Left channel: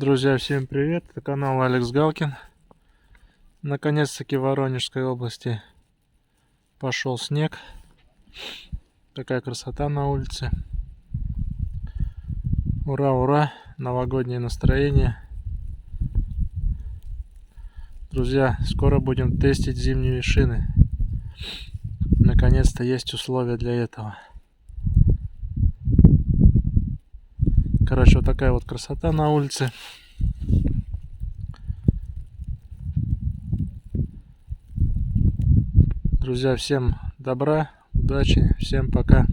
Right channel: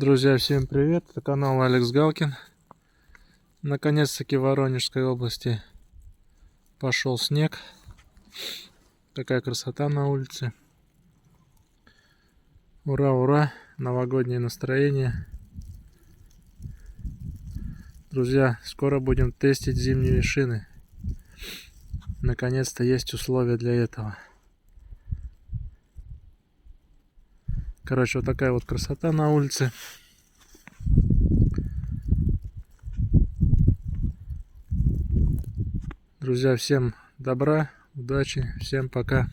Друзья, всем привет! Это канал Алекс Галкин. Наконец-таки в Воронежской области пошел снег. Такая красота на улице. Ура, ура! Новогоднее настроение. Друзья, скоро будем тестить зимние шины. Наконец-то есть условия для этого. Короче, вот такая вот красота на улице. Друзья, всем добра, удачи, всем пока.